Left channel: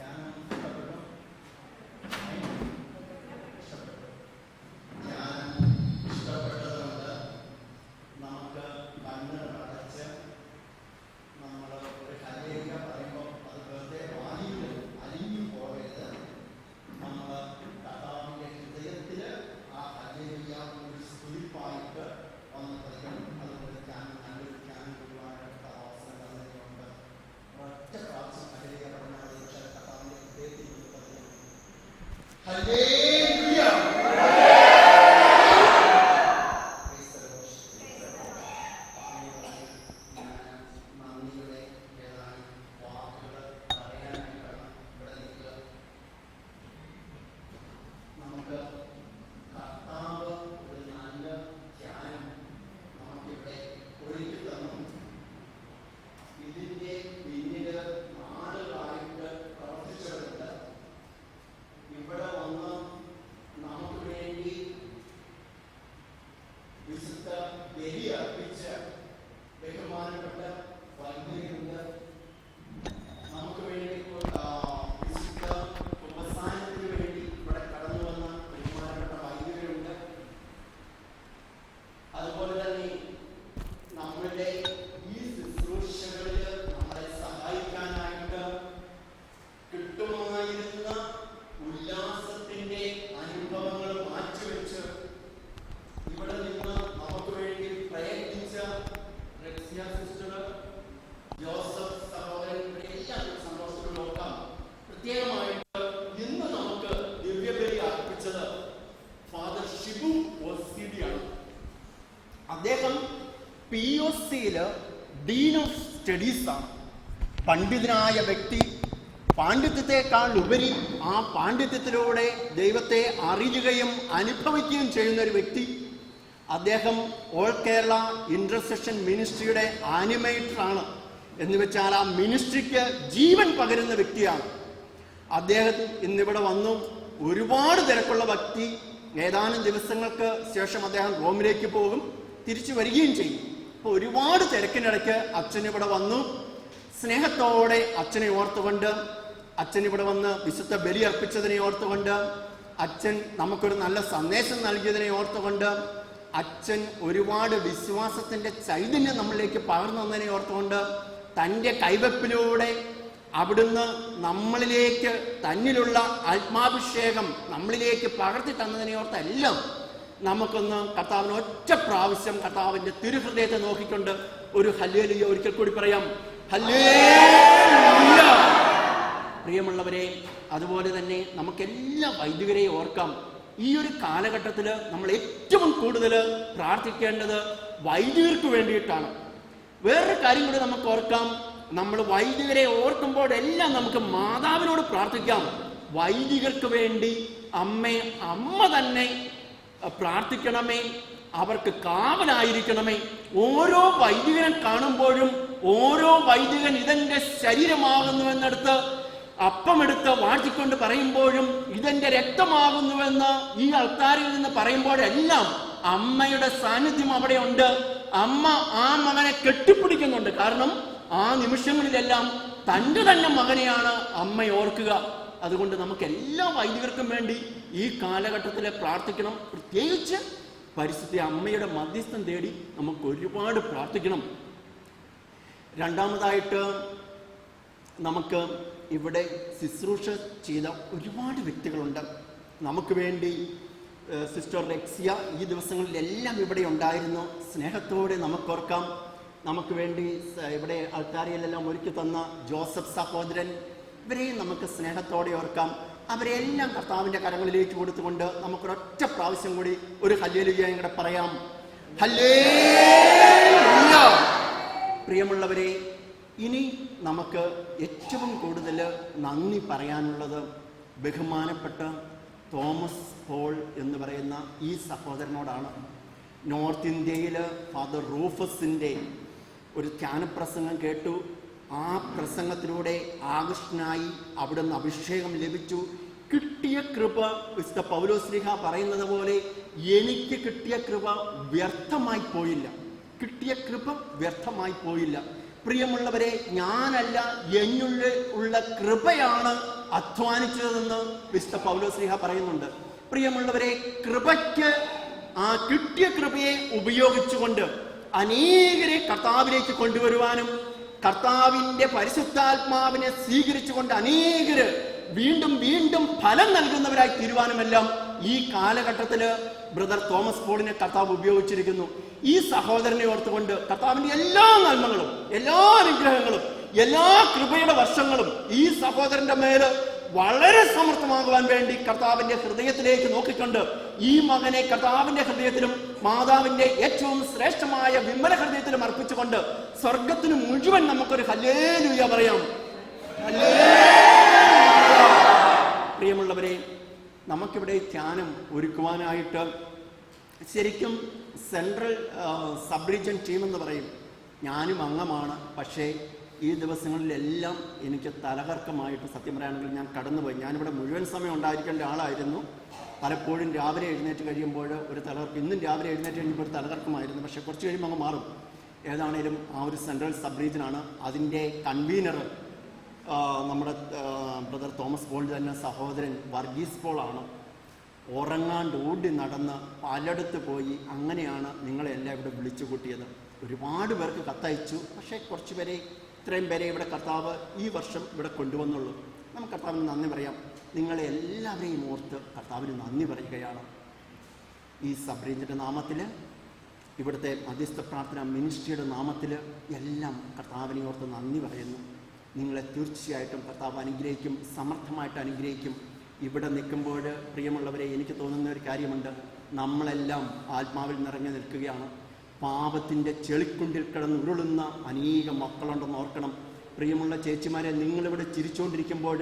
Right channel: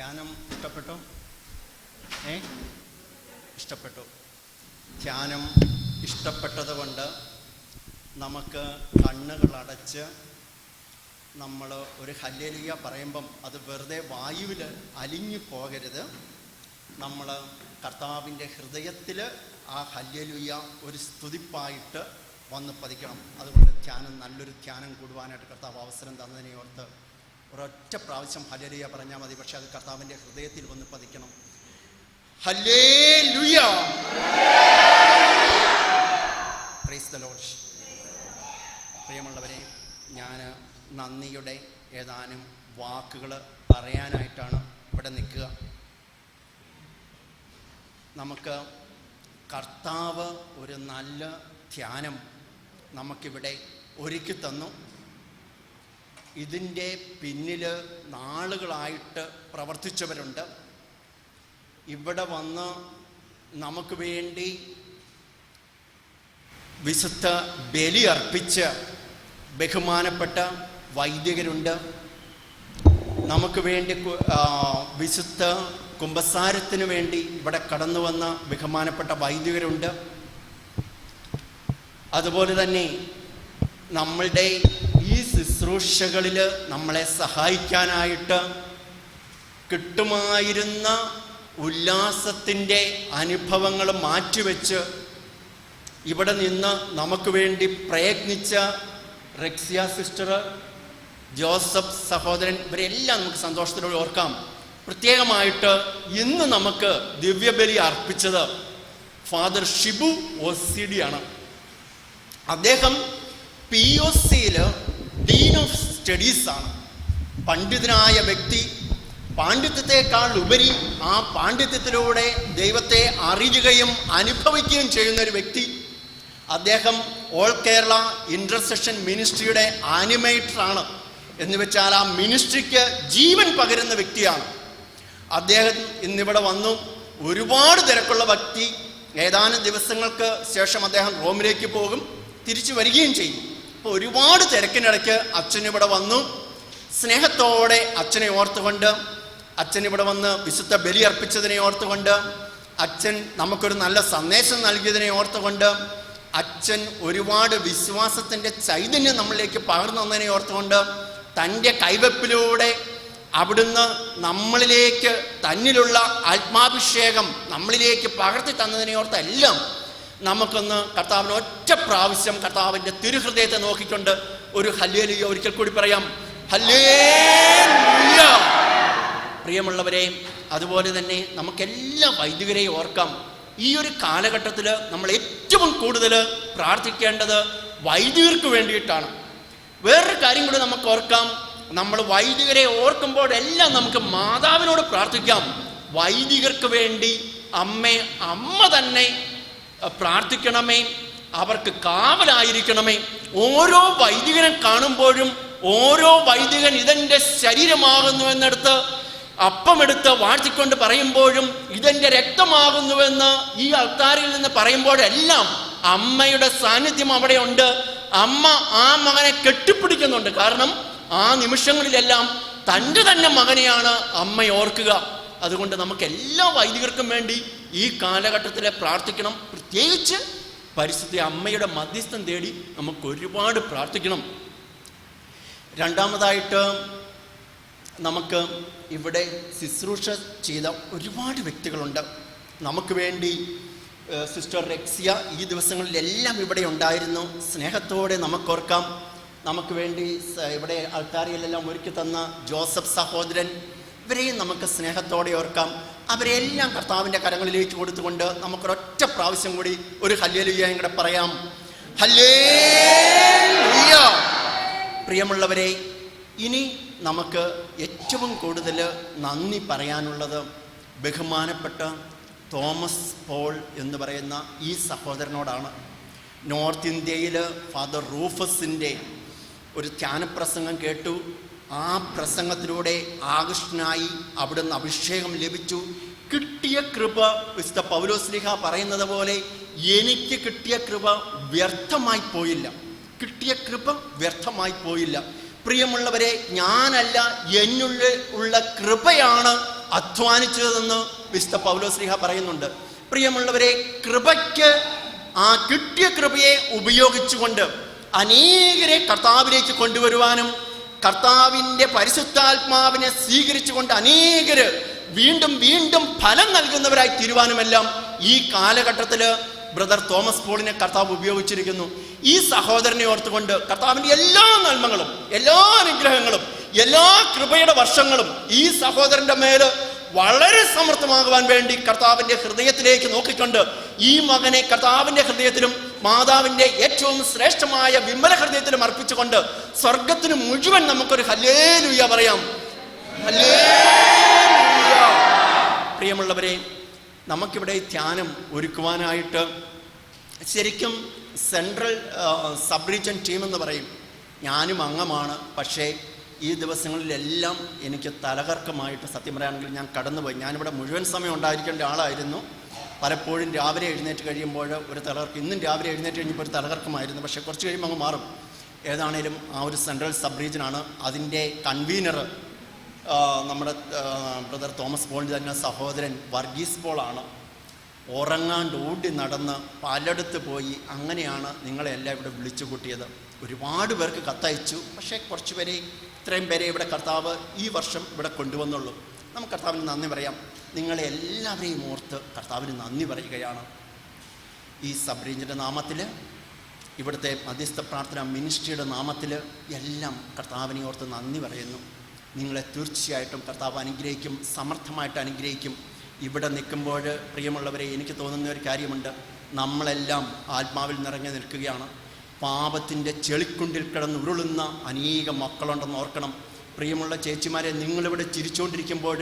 ധ്യാനം ഇഷ്ടപ്പെട്ടു? ഇഷ്ടപ്പെട്ടു. ധ്യാനം ഇഷ്ടപ്പെട്ടത് കൊണ്ട് നമുക്ക് കണ്ണുകൾ അടച്ച് നമ്മൾ ഒരു ഹല്ലേലൂയ പറയുമ്പം അത് വെറുതെ വായുവിൽ അലിഞ്ഞു പോകരുത്. നമ്മൾ കർത്താവിൻ്റെ ഹൃദയത്തിൽ ആ ഹല്ലേലൂയ ഒരു സ്തുതിപ്പായിട്ട് വന്ന് പതിക്കണം. അതുകൊണ്ട് ധ്യാനം, നല്ലൊരു ധ്യാനം കൂടുവാനായിട്ട് കർത്താവ് അവസരം തന്നതിനെ ഓർത്ത് ഒരൊറ്റ പ്രാവശ്യം ഹല്ലേലൂയ പറഞ്ഞാൽ മതി. പക്ഷെ അത് കർത്താവിൻ്റെ ഹൃദയത്തിൽ വന്ന് പതിക്കണം. Hallelujah, praise the Lord. പ്രിയമുള്ളവരെ, ഞാൻ നന്ദിയുടെ ഏതാനും വാക്കുകൾ പറയാനായിട്ടാണ് ഇവിടെ നിൽക്കുക. നമുക്ക് കർത്താവ് ഒരു നല്ല ധ്യാനം നമുക്കിവിടെ ഒരുക്കി തന്നു. ഇതിൻ്റെ പിന്നിൽ നാളുകളായിട്ട് പ്രവർത്തിച്ചവരുണ്ട്. ഇവിടെ വന്ന് നമുക്ക് വേണ്ടി വിശുദ്ധ ബലി അർപ്പിച്ച ബഹുമാനപ്പെട്ട വൈദികരുണ്ട്. നമുക്ക് വേണ്ടി വിശുദ്ധ കുമ്പസാരത്തിന് വേണ്ടി ഇവിടെ കടന്നു വന്ന ബഹുമാനപ്പെട്ട വൈദികരുണ്ട്. അതുപോലെ തന്നെ നമ്മളുടെ ഈ ശുശ്രൂഷകളിൽ നമ്മളെ സഹായിക്കാനായിട്ട് കിട്ടുമായിരുന്ന ഉല്ലാസത്തിൻ്റെ അനുഭവങ്ങൾ മാറ്റിവെച്ച് ഇവിടെ നിന്ന് നമുക്ക് വേണ്ടി പ്രയത്നിച്ച റെക്സിയ സിസ്റ്റർ, ജോസഫ് സഹോദരൻ, ഇവരെല്ലാം നമുക്ക് സന്തോഷത്തോടെ ഓർക്കാം. പ്രത്യേകമായിട്ട് ഇന്ന് നമുക്ക് ദിവ്യബലി അർപ്പിച്ചത് ഫാദർ ഷിബു OCD ആണ്. അദ്ദേഹം POCയിൽ ഡീൻ ഓഫ് സ്റ്റഡീസ് ആണ്. പണ്ഡിതനായ വ്യക്തി, പാണ്ഡിത്യത്തെക്കാൾ ഉപരി ആ പാണ്ഡിത്യത്തിലൂടെ ദൈവത്തെ അറിയുകയും അനുഭവിക്കുകയും ചെയ്യുന്ന ഒരു വ്യക്തി. അദ്ദേഹം ഓൾ കേരള ഇന്റർസെഷൻ മിനിസ്ട്രിയുടെ ആനിമേറ്ററാണ്. എന്ന് വെച്ചാൽ ആ മിനിസ്ട്രിക്ക് ജീവൻ പകരുന്ന വ്യക്തിയാണ് അദ്ദേഹം. ഇന്നിവിടെ വന്നു. ഒരുപാട് തിരക്കുള്ള വ്യക്തി. ഏതാനും ദിവസങ്ങൾക്ക് ശേഷം അദ്ദേഹം റോമിലേക്ക് പോകും, തിരിച്ചു വരികയും ചെയ്യും. അപ്പോൾ ഒരുപാട് തിരക്കിനിടയ്ക്ക് അച്ഛനിവിടെ വന്നു. സ്നേഹത്തോടെ അച്ഛനെ ഓർത്തുകൊണ്ട്, അച്ഛൻ ഇവിടെ വന്ന് വിശുദ്ധ ബലി അർപ്പിച്ചതിനെ ഓർത്തുകൊണ്ട്, അച്ഛൻ നമുക്കൊരു നല്ല സന്ദേശം നൽകിയതിനെ ഓർത്തുകൊണ്ട്, അച്ഛൻ ഒരുപാട് വിശ്വാസത്തിൻ്റെ ചൈതന്യം നമ്മളിലേക്ക് പകർന്നു തന്നതിനെ ഓർത്തുകൊണ്ട്, തൻ്റെ കൈവെപ്പിലൂടെ അവിടുന്ന് നമ്മളിലേക്ക് തന്നിലുള്ള ആത്മാഭിഷേകം നമ്മളിലേക്ക് പകർത്തി തന്നതിനെ ഓർത്തെല്ലാം നമുക്കൊന്ന് കർത്താവിന് ഒറ്റ പ്രാവശ്യം കർത്താവിൻ്റെ തിരുഹൃദയത്തെ നോക്കിക്കൊണ്ട് ഒരു ഹല്ലേലൂയ ഒരിക്കൽ കൂടി പറയാം. ഹല്ലേലൂയ. പ്രിയമുള്ളവരെ, അതുപോലെ തന്നെ നമുക്കെല്ലാ വൈദികരെയും ഓർക്കാം. ഈ ഒരു കാലഘട്ടത്തിൽ നമ്മൾ ഏറ്റവും കൂടുതൽ പ്രാർത്ഥിക്കേണ്ടത് വൈദികർക്ക് വേണ്ടിയിട്ടാണ്. വേറൊരു കാര്യം കൂടി നമുക്ക് ഓർക്കാം. നമ്മൾ വൈദികരെ ഓർക്കുമ്പോഴെല്ലാം നമുക്ക് മാതാവിനോട് പ്രാർത്ഥിക്കാം. വൈദികർക്ക് വേണ്ടി അമ്മ തന്നെ പ്രാർത്ഥിക്കണമേ, അവർക്ക് കാവലായിരിക്കണമേ. ഓരോ വൈദികനെ കാണുമ്പോഴും ഓരോ വൈദികൻ ഇതെൻ്റെ ശരീരമാകുന്നുവെന്നെടുത്ത് അപ്പമെടുത്ത് വാഴ്ത്തിക്കൊണ്ട് പറയുമ്പോഴും ഇതെൻ്റെ രക്തമാകുന്നുവെന്ന് ഈ അൾത്താരിൽ നിന്ന് പറയുമ്പോഴെല്ലാം അമ്മയുടെ സാന്നിധ്യം അവിടെ ഉണ്ട്. അമ്മ ആ മകനെ കെട്ടിപ്പിടിക്കുന്നുണ്ട്. കാരണം ആ നിമിഷങ്ങളിലെല്ലാം തൻ്റെ തന്നെ മകനെയാണ് അമ്മ ഓർക്കുക. അതുകൊണ്ട് നമുക്ക് എല്ലാ വൈദികർക്കും വേണ്ടി ഈ കാലഘട്ടത്തിൽ പ്രാർത്ഥിക്കണം. പ്രത്യേകിച്ച് പരിശുദ്ധ അമ്മയുടെ മധ്യസ്ഥം തേടി നമുക്ക് ഒരുപാട് പ്രാർത്ഥിക്കണം. രണ്ടാമതായിട്ട് നമുക്ക് ഇവിടെ ശുശ്രൂഷ ചെയ്ത ഒരുപാട് വ്യക്തികളുണ്ട്. നമുക്ക് വേണ്ടി സിസ്റ്റർ റെക്സിയ ഈ ദിവസങ്ങളിലെല്ലാം ഇവിടെ ഉണ്ടായിരുന്നു. സ്നേഹത്തോടെ നമുക്കോർക്കാം. നമുക്ക് വേണ്ടി ഇവിടെ ആൾക്കാരിലെല്ലാം ഒരുക്കി തന്ന ജോസഫ് സഹോദരൻ, ഇവരെയും നമുക്ക് സ്നേഹത്തോടെ ഓർക്കാം. അവരെല്ലാം കർത്താവിൻ്റെ കരങ്ങളിലേക്ക് കൊടുത്തുകൊണ്ട് നമുക്കൊരൊറ്റ പ്രാവശ്യം കൂടി ഒരു ഹല്ലേലൂയ കൂടെ പറയാം. ഹല്ലേലൂയ. പ്രിയമുള്ളവരെ, ഇനി നമുക്ക് ഏറ്റവും കൂടുതൽ നന്ദി പറയാനുള്ളത് ബഹുമാനപ്പെട്ട തോമസ് പോൾ എന്ന് പറയുന്ന ഈ സഹോദരനോടാണ്. നോർത്ത് ഇന്ത്യയിൽ ഫാദർ റൂഫസിൻ്റെ ഒരു ധ്യാനപ്രസംഗം കേട്ടു. ആ പ്രസംഗത്തിലൂടെ ആകൃഷ്ടനായി അവിടുന്ന് അഭിഷേകം ലഭിച്ചു. കിട്ടിയ കൃപ, വിശുദ്ധ പൗലോസ്ലീഹ പറയുന്നത് പോലെ, എനിക്ക് കിട്ടിയ കൃപ വ്യർത്ഥമായി പോയില്ല. കിട്ടിയ കൃപ വ്യർത്ഥമായി പോയില്ല. പ്രിയമുള്ളവരെ, ഞാനല്ല, എന്നുള്ളിൽ ഉള്ള കൃപയാണ് അധ്വാനിച്ചതെന്ന് വിശുദ്ധ പൗലോസ്ലീഹ പറയുന്നുണ്ട്. പ്രിയമുള്ളവരെ, കൃപയ്ക്ക് ആ കിട്ടിയ കൃപയെ ഉപയോഗിച്ചുകൊണ്ട് അനേകരെ കർത്താവിലേക്ക് കൊണ്ടുവരുവാനും കർത്താവിൻ്റെ പരിശുദ്ധാത്മാവിനെ സ്വീകരിച്ചുകൊണ്ട് അനേകര് വീണ്ടും വീണ്ടും ഫലം നൽകുന്നവരായി തീരുവാനുമെല്ലാം ഈ കാലഘട്ടത്തിൽ ബ്രദർ തോമസ് പോളിനെ കർത്താവ് ഉപയോഗിച്ചിരിക്കുന്നു. ഈ സഹോദരനെ ഓർത്തുകൊണ്ട് കർത്താവിൻ്റെ എല്ലാ നന്മകളും, എല്ലാ അനുഗ്രഹങ്ങളും, എല്ലാ കൃപയുടെ വർഷങ്ങളും ഈ സഹോദരൻ്റെ മേൽ വളരെ സമർത്ഥമാകുവാൻ വേണ്ടി കർത്താവിൻ്റെ ഹൃദയത്തിലേക്ക് നോക്കിക്കൊണ്ട് ഈ മകനെ കർത്താവിൻ്റെ ഹൃദയത്തിലും മാതാവിൻ്റെ ഏറ്റവും ശ്രേഷ്ഠമായ വിമല ഹൃദയത്തിലും അർപ്പിച്ചുകൊണ്ട് സ്വർഗത്തിന് മുഴുവൻ നമുക്കൊരു ഹല്ലേലൂയ പറയാം. പ്രിയമുള്ളവരെ, നമുക്കിവിടെ ധ്യാനം ഒരുക്കുവാനായിട്ട് ശരിക്കും സെൻട്രൽ സബ് റീജിയൻ ടീം എന്ന് പറയും. ഞാനും അംഗമാണ്. പക്ഷേ ഈ ദിവസങ്ങളിലെല്ലാം എനിക്ക് തലകർക്കമായിട്ട് സത്യം പറയുകയാണെങ്കിൽ ഞാൻ കടന്നുപോയി. ഞാനിവിടെ മുഴുവൻ സമയം ഉണ്ടായിരിക്കേണ്ട ആളായിരുന്നു. പലപ്പോഴും രാവിലെ എഴുന്നേറ്റ് കഴിയുമ്പോൾ ഒരു തലകർക്ക്, ഇന്നും രാവിലെ എഴുന്നേറ്റ് കഴിഞ്ഞപ്പോൾ ഒരു തലകർക്കമായിരുന്നു. പക്ഷേ കുറച്ച് കഴിയുമ്പോൾ അങ്ങ് മാറും. ഏതാണേലും ആ ഒരു സെൻട്രൽ സബ് റീജിയനാണ്. അതിൻ്റെ കൺവീനർ നമ്മുടെ ബ്രദർ തോമസ് പോളിൻ്റെ തന്നെ സഹോദരൻ വർഗീസ് പോളാണ്. ഉറങ്ങാണ്ട് ഓടി നടന്ന് പലയിടത്ത് പോയി അങ്ങനെയാണ് നിങ്ങളെല്ലാം ഇവിടെ വിളിച്ചു കൂട്ടിയത്. ഒരുപാട് പേർക്ക് കത്തയച്ചു. പക്ഷേ കുറച്ച് പേരെ, ഇത്രയും പേരെ ഇവിടെ കർത്താവ് ഈ വർഷം ഇവിടെ കൊണ്ടുവന്നുള്ളൂ. നമുക്ക് കർത്താവിന് നന്ദി പറയാം. നിങ്ങളെ എല്ലാവരെയും ഓർത്ത് കർത്താവിന് നന്ദി പറയുകയാണ്. ഈ സബ് റേഞ്ചിൻ്റെ നാമത്തിൽ, ഇവിടുത്തെ മധ്യസ്ഥ പ്രാർത്ഥന മിനിസ്ട്രിയുടെ നാമത്തിൽ എല്ലാം കർത്താവിനെ ഓർത്ത് നന്ദി പറയുന്നു. നിങ്ങളെ തീർച്ചയായിട്ടും കർത്താവ് അനുഗ്രഹിക്കും, സമർത്ഥമായിട്ട് അനുഗ്രഹിക്കും. ഇവിടെ നിൽക്കുമ്പോൾ പ്രിയമുള്ളവരെ, എനിക്ക് തോന്നുന്ന ഒരു കാര്യമുണ്ട്. നമ്മളെല്ലാം ആത്മാവിൽ നിറഞ്ഞു നിൽക്കുകയാണ്. പാപത്തിൻ്റെ ചെളിക്കുണ്ടിൽ കിടന്നുരുളുന്ന അനേക മക്കളുണ്ടെന്ന് ഓർക്കണം. പ്രിയമുള്ള ചേച്ചിമാരെ, നിങ്ങളിവിടെ ചിരിച്ചുകൊണ്ടിരിക്കുമ്പോൾ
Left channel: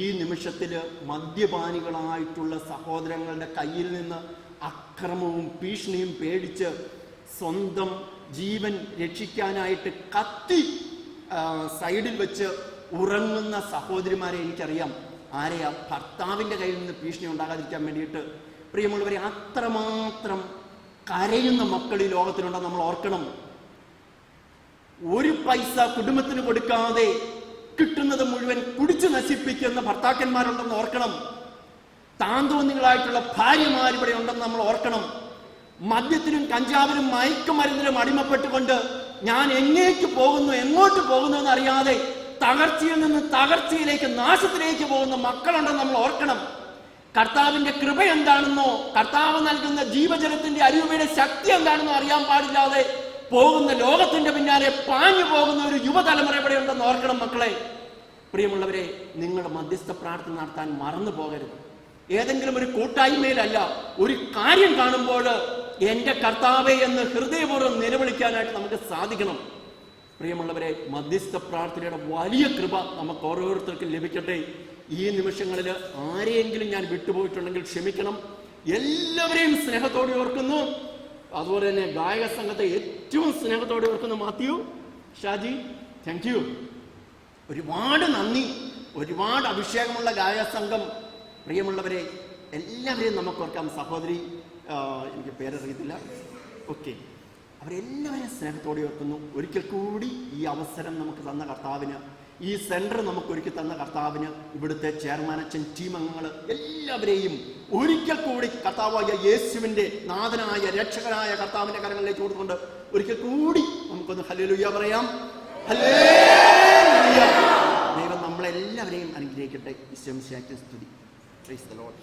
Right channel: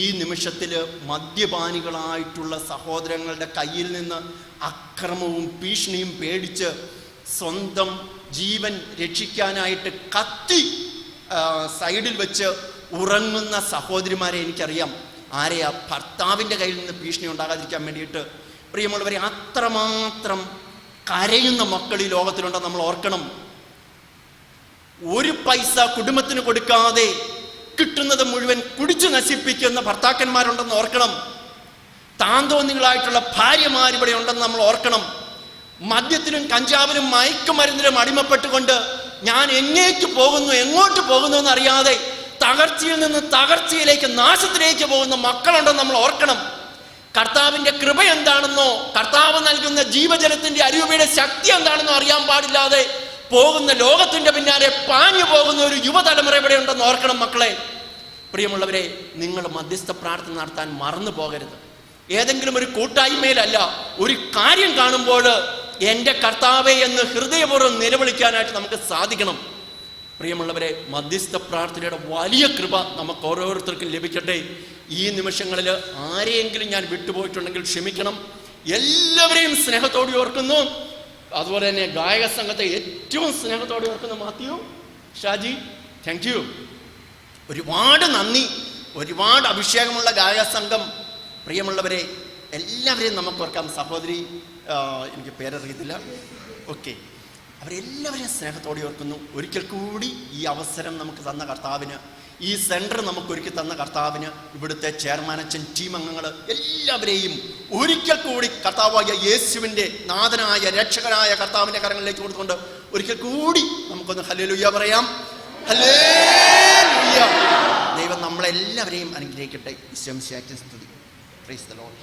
ഈ നിമിഷത്തിൽ മദ്യപാനികളായിട്ടുള്ള സഹോദരങ്ങളുടെ കയ്യിൽ നിന്ന് അക്രമവും ഭീഷണിയും പേടിച്ച് സ്വന്തം ജീവൻ രക്ഷിക്കാനായിട്ട് കത്തി സൈഡിൽ വെച്ച് ഉറങ്ങുന്ന സഹോദരിമാരെ എനിക്കറിയാം. ആരെയാ? ഭർത്താവിൻ്റെ കയ്യിൽ നിന്ന് ഭീഷണി ഉണ്ടാകാതിരിക്കാൻ വേണ്ടിയിട്ട്. പ്രിയമുള്ളവരെ, അത്രമാത്രം കരയുന്ന മക്കൾ ഈ ലോകത്തിലുണ്ടെന്ന് നമ്മൾ ഓർക്കണം. ഒരു പൈസ കുടുംബത്തിന് കൊടുക്കാതെ കിട്ടുന്നത് മുഴുവൻ കുടിച്ചു നശിപ്പിക്കുന്ന ഭർത്താക്കന്മാരുണ്ടെന്ന് ഓർക്കണം. താന്തോന്നികളായിട്ടുള്ള ഭാര്യമാരിവിടെ ഉണ്ടെന്ന് നമ്മൾ ഓർക്കണം. മദ്യത്തിലും കഞ്ചാവിലും മയക്കുമരുന്നിലും അടിമപ്പെട്ടുകൊണ്ട് ഞാൻ എങ്ങോട്ട് പോകുന്നു എന്നറിയാതെ തകർച്ചയിൽ നിന്ന് തകർച്ചയിലേക്ക്, നാശത്തിലേക്ക് പോകുന്ന മക്കളുണ്ടെന്ന് നമ്മൾ ഓർക്കണം. കർത്താവിൻ്റെ കൃപ എന്താണെന്നോ കർത്താവ് നൽകുന്ന ജീവജലത്തിൻ്റെ അരുവിയുടെ ശക്തി എന്താണെന്നോ അറിയാൻ പാടില്ലാതെ പോകുന്ന, ലോകത്തിൻ്റെ പിന്നാലെ പാഞ്ഞു പോകുന്ന ഒരു യുവതലമുറ ഇവിടെ ഉണ്ടെന്ന് ഓർക്കണം മക്കളെ. പ്രിയമുള്ളവരെ, നിങ്ങൾ മധ്യസ്ഥ പ്രാർത്ഥന നടത്താൻ മറന്നു പോകരുത്. ഏതെങ്കിലും ഒരു കൂട്ടായ്മയിലല്ല, ഒരു കാര്യം കാണുമ്പോൾ എൻ്റെ കർത്താവേ എന്ന് ഹൃദയപൂർവ്വം നിലവിളിക്കാനായിട്ട് നമുക്ക് സാധിക്കണം. പ്രിയമുള്ളവരെ, മധ്യസ്ഥ പ്രാർത്ഥനയുടെ വലിയ കൃപ നമുക്ക് ഓരോരുത്തർക്കും ലഭിക്കട്ടെ. ഈ നിമിഷങ്ങളിൽ ആരെയെങ്കിലും ഞാൻ വിട്ടുപോയിട്ടുണ്ടെങ്കിൽ ക്ഷമിക്കണം. എല്ലാവരെയും സ്നേഹത്തോടെ ഓർക്കുന്നു. അതുപോലെ തന്നെ ഗായക സംഘത്തെ ഏറ്റവും സ്നേഹത്തോടെ ഓർക്കുന്നു. Mathew, Shaji, thank you. ഒരുപാട് നന്ദി. ഒരുപാട് അഭിഷേകമുള്ള ഗായക സംഘം. പ്രിയമുള്ളവരെ, എല്ലാവരെയും നമുക്ക് ഓർക്കാം. സഹോദരി, എനിക്ക് പേരറിയത്തില്ല, ഓക്കെ, അവരെല്ലാവരെയും സ്നേഹത്തോടെ ഓർക്കുന്നു. ഒരിക്കൽ കൂടി ഈ അവസരം നമുക്ക് തന്ന കർത്താവിന്, ഈ സെൻറ്റർ നമുക്ക് ഒരുക്കി തന്ന കർത്താവിന്, ഇവിടുത്തെ ചെയർമാൻ അച്ഛൻ, ടീം അംഗങ്ങൾ എല്ലാവരെയും ഒരിക്കൽ കൂടി കർത്താവായ യേശുവിൻ്റെ നാഥനായ രക്ഷകനായ കർത്താവിൻ്റെ കരങ്ങളിലേക്ക് കൊടുത്തുകൊണ്ട് ഒരിക്കൽ കൂടി നമുക്കൊന്ന് ഹല്ലേലൂയ പറയാം. ഹല്ലേലൂയ. ദൈവം നമ്മളെല്ലാവരെയും അനുഗ്രഹിക്കട്ടെ. ഈശോ മിശിഹായ്ക്ക് സ്തുതി. Price the Lord.